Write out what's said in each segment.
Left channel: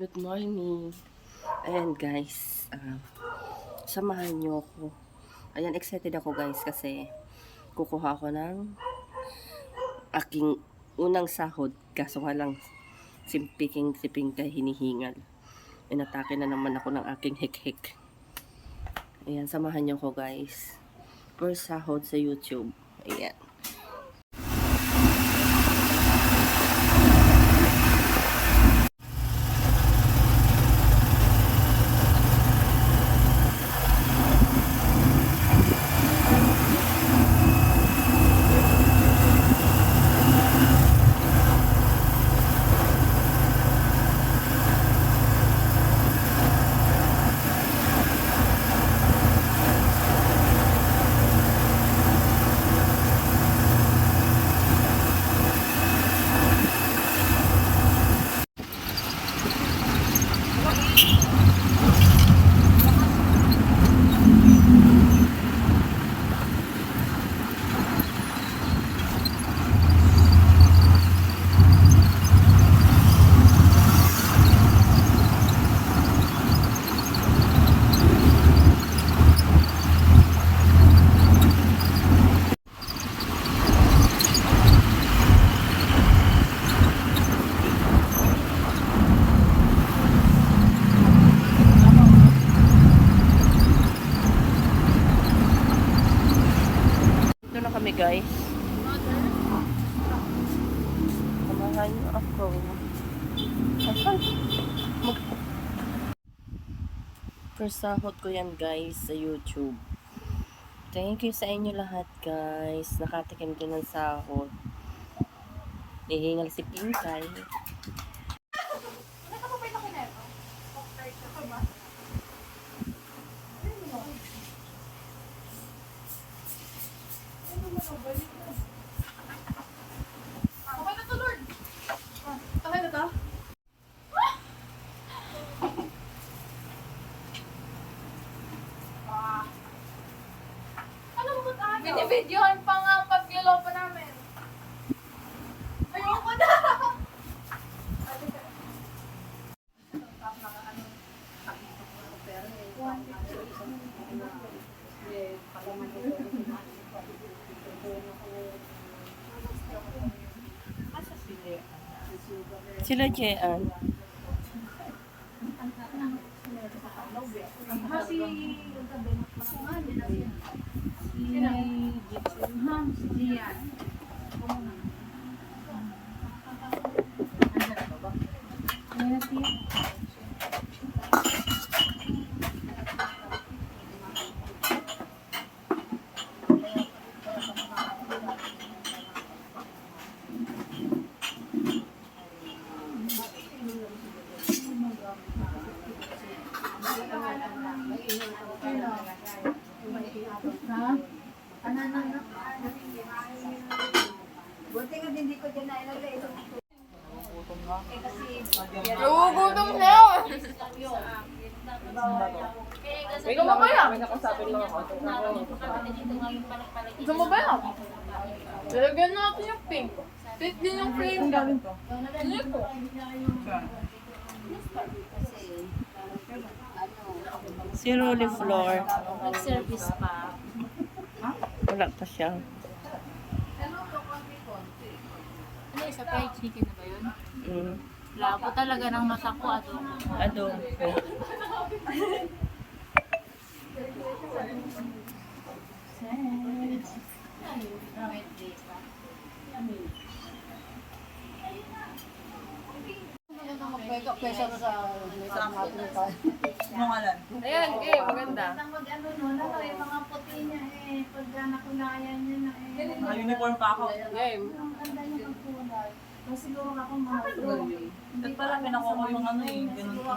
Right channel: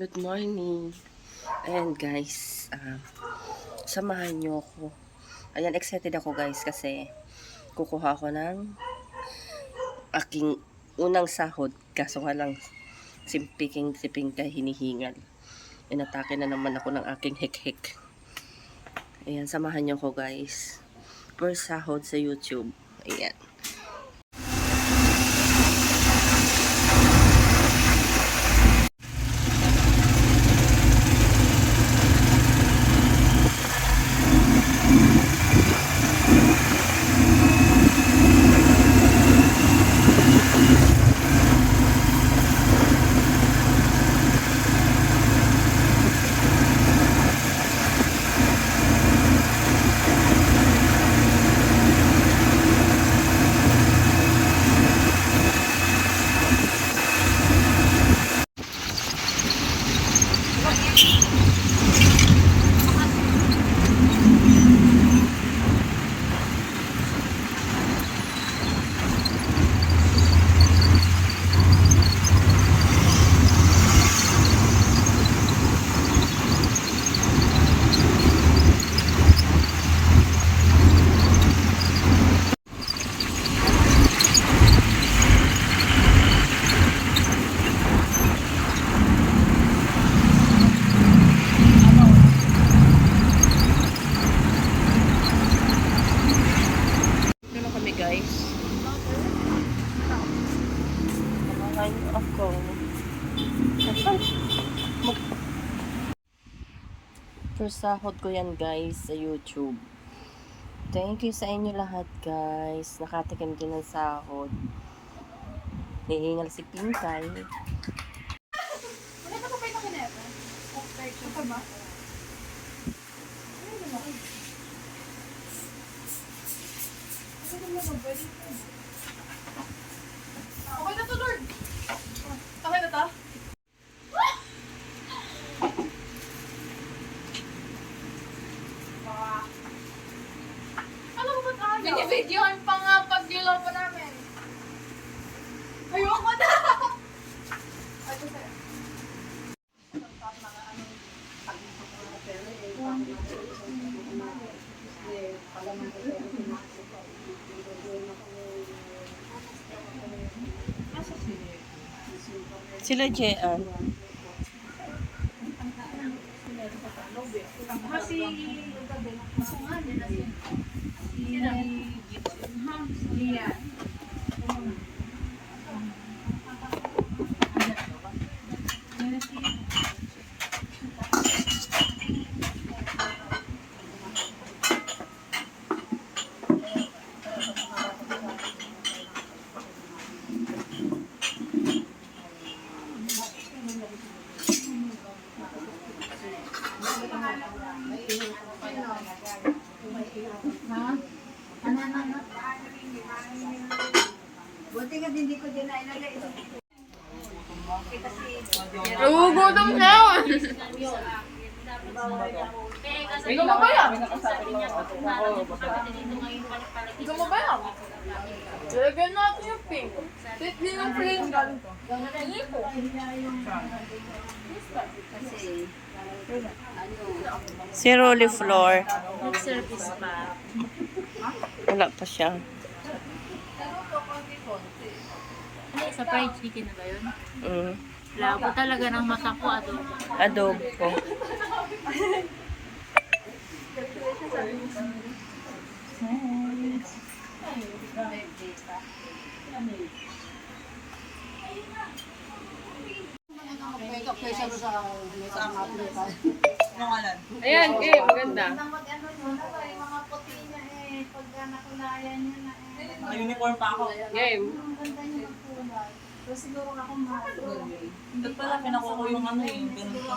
Good morning. Ayan guys, samahan nyo ako. Ayan, excited ako guys kasi kukuha ako ng aking unang sahod. Kaso nga lang, siping kay hinihingal. Inatake na naman ako ng aking hik-hik. Ayan, samahan nyo ako guys. First sahod sa YouTube. Ayan. Kami guys. Samahan niyo ako. First sahod ko yan guys sa YouTube. Thank you sa inyo lahat guys. Nakatikim din ng sahod. Hihingal si Pinkay. Ano pa ba yung kinema? Ako ba? Okay na to, Lord. Okay na to? Alam mo ba't ayaw? Bini-videoan pa nga pagliloko namin. Ayoko na! Ate, sir. Sila Jean. Buti nga hindi ko dyan na ilagay ito. Nagugutom na yun! Ikaw mo ba yan? Ikaw mo ba yan? Lalagyan natin yung pink. Pink din yung pink. Hindi ko. Si Rolly Floor. Nag-service pa. Wala pa siya. Ano, sa fried chicken na ba yun? Mm. Labo talaga ng masako adobo. Adobo. Ayan, maganda. Mag-ano muna to yung mga puti niya pagka nakulayan niya na Naka-uniform pa ako. Game. Ang ganda niya magkulay. So siguro ako mga At pala, pinakuha ko yung ano eh, ganun pa.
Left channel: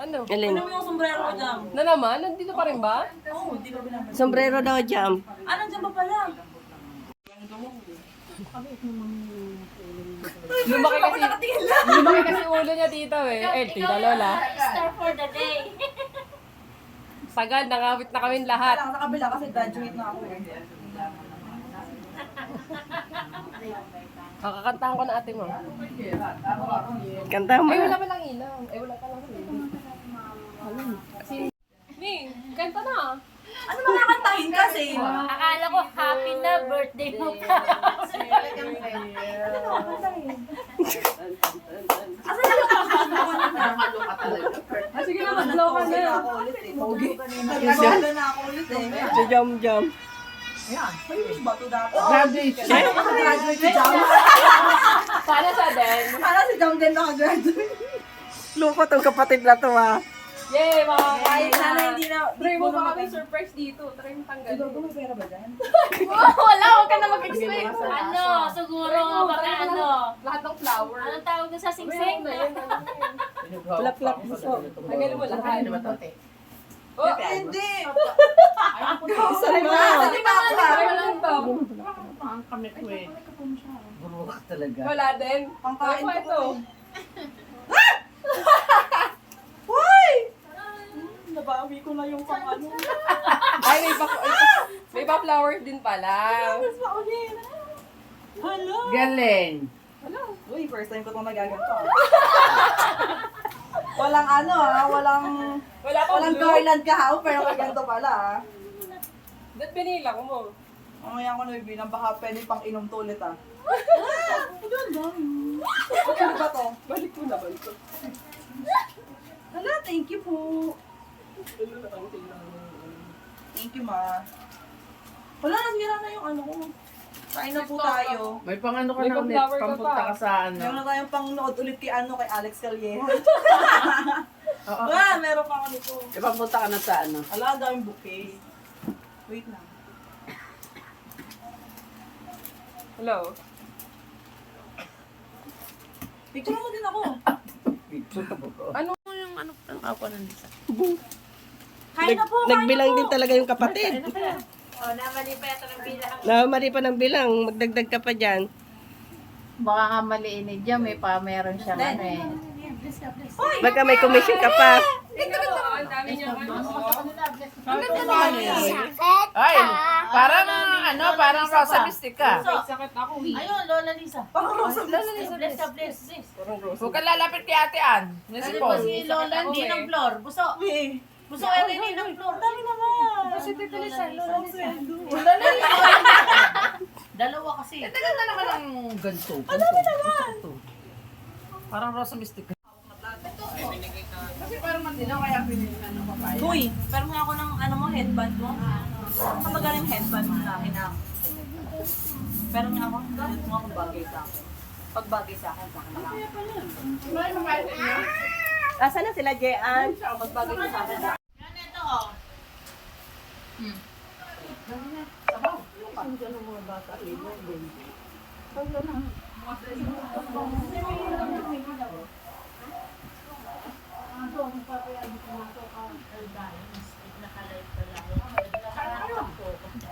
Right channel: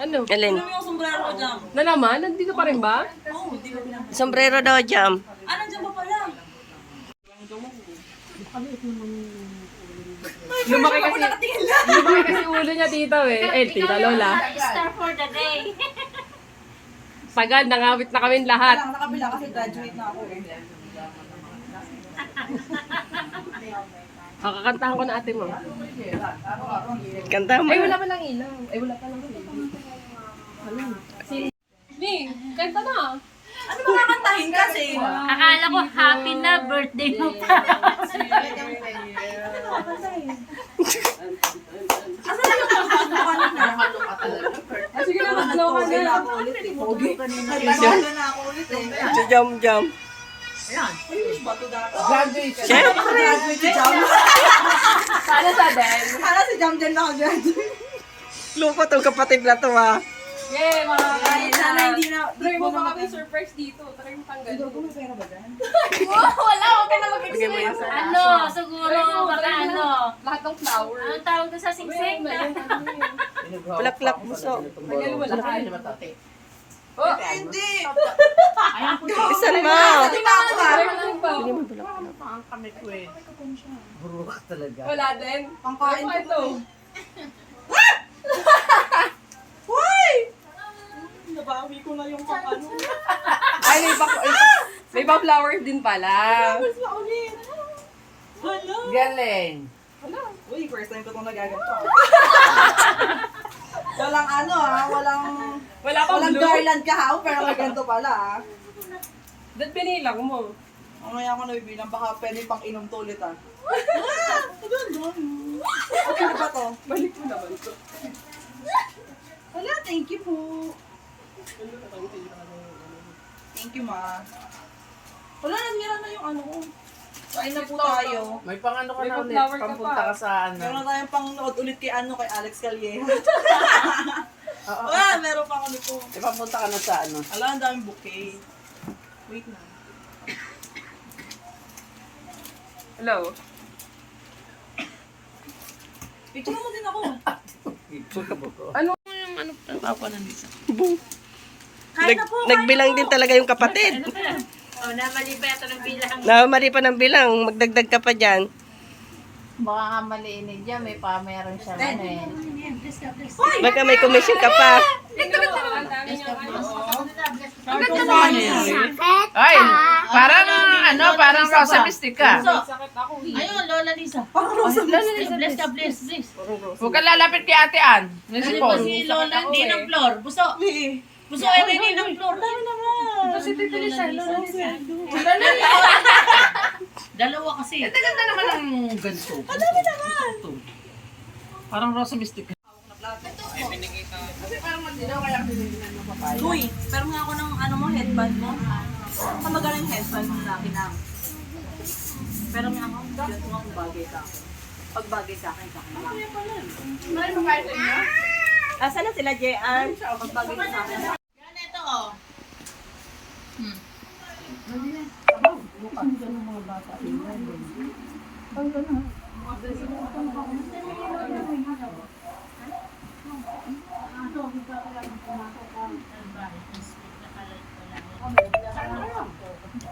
Ano? Alin? Ano yung sombrero ko dyan? Na naman? Nandito pa rin ba? Oo, di ba binabalik? Sombrero daw, Jam. Ah, nandiyan pa pala. Lumaki kasi ulo niya dito tita Lola. Star for the day. Sagad, nangawit na kami lahat. Wala, nakabila kasi graduate na ako eh. Kakakantahan ko na ate mo. Kanta mo. Ay, wala pa lang ilaw. Ay, wala pa lang sila. Ni, kanta na. Ano makakantahin kasi? Akala ko happy na birthday mo pa. Asan na yung kantahan mo kanina? Sige na, mag-blow ka na. Ako ulit eh. Pogi. Nagpapagala na ako ulit eh. Si Jam Jam. Ayan. May bato dapat. Siyempre. Graduate si Jam. Sana sa din. Sana si Jam din nakagraduate. Loko tong kapatid na to ha. Yay, mga kain. Sana hindi na. Try mo ba kami surprise dito? Try mo tanggalin. Siguro may pera ba dyan? Wala, huwag ka na Bigyan mo mag-explain. yan sa... Ano, siguro, baka ano. Lahat ng flower. Anong tawag doon sa singsing na? Bulaklak buso. Tagal mo na kain. Oh, Hindi. Isan mo. Hindi pa ako ha. Bigyan mo bulaklak. Wala din. Pangkain Ano ko ito? Hoy! Nabawi ko na yung pang ano. Ay, may pa flowers din pala. Mas maulin. Hala. Galing. Uy, first time ko itong nagaganto. Walang ano walang Wala pa walang blue. garland kahaw pero may ganito pala Ba't pinilang mo? Mamaya ako nabibilang, baka pwede pang inom to ulit ah. Ang ganda. Ano ba to? Balik mo naman ko. Hala, thank you po. Thank you, ma. Wala, nasira na yung ano ko. Kain na po tayo. May pang ano ka May na pang ulit. flower ka Pampunta pa. ka sa ano. Meron na tayong pang nood ulit kay Alex Calleja. Oo. Meron pa ako nito. Pampunta ka na sa ano. Ala, ang daming bouquet. Wait lang. Hello? Picture mo din ako. Kain na po. Nagbilang din talaga yung kapatid. O, namali pa ito ng bilang. Namali pa ng bilang. Magdagdag ka pa dyan. Baka nga maliinig dyan, meron siyang ano eh. Baka may commission ka pa. Ang dami niya. Ay, parang ano, parang Rosa Mystic ka. Sakit ako. Ayun, Lola Lisa. Pang Rosa Bless ka, bless. Huwag ka lalapit kay Ate Ann. Ano Nasi po Paul. si Lola, hindi ng floor. Buso. Buso, ay hindi ng floor. Dami naman. Si Tita Lisa. Lola Lisa. Dalawa kasi. Tagal na naman ang ganito. Ang dami naman. Parang Rosa Mystic ka. Uy, pero nga ako ng ano mo, headband mo. Ang magaling headband mo sa akin na. Pero nga ako, bakit mo ang bagay sa akin? Pag bagay sa akin, sa akin lang. Asa na sila, Jean? Pag bagay sa akin. Yan, ito oh.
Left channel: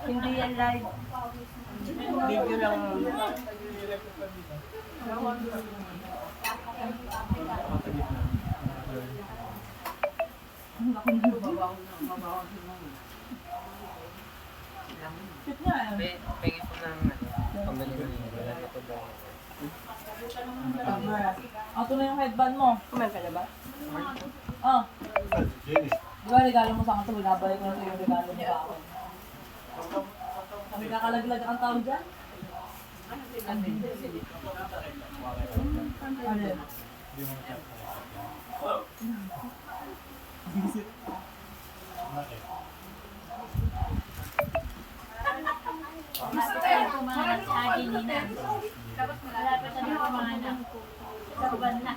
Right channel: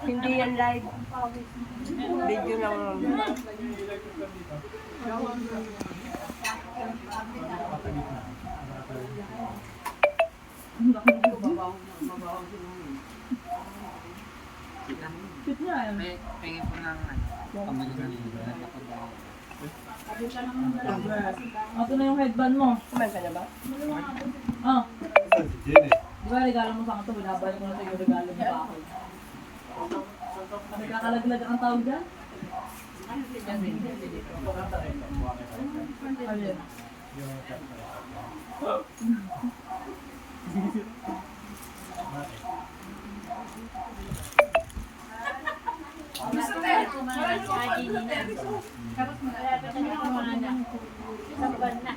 Hindi yan live. Video lang. Pingin po ng ano. Kambali ng Ito na yung headband mo. Kumain ka na ba? Ah. Di ba regalo mo sa akin ito, binabalik ko na ito yung regalo mo sa akin. May kakalaglag ang tawag dyan? Ano yun? Kumain sa akin ni na. Malapit na kumain. Sa ban na.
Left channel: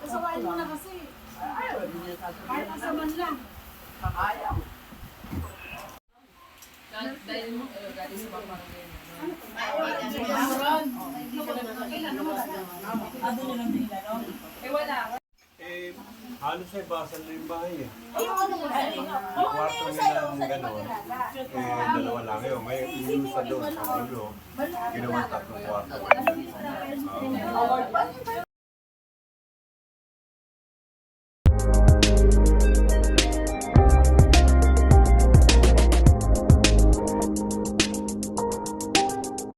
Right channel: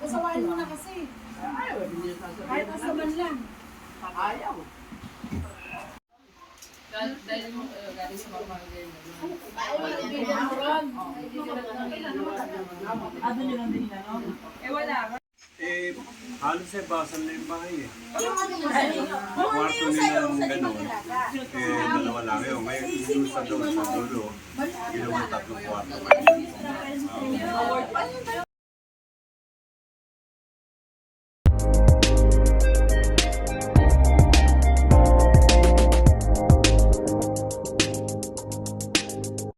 Pasawain mo na kasi. Kahit asaman lang. Dahil mo, galing sa pamangkin. Doon yun lang din, ano? Eh, wala. Halos ay basal na yung bahay eh. Yung ano mo sa'yo? Yung ano Kwarto yung nila sa'yo? ng Sa gano'n. mag-alaga? Dalawa lang yun. May yung sa doon, sa dulo. Ginawa tatlong kwarto. Ano yung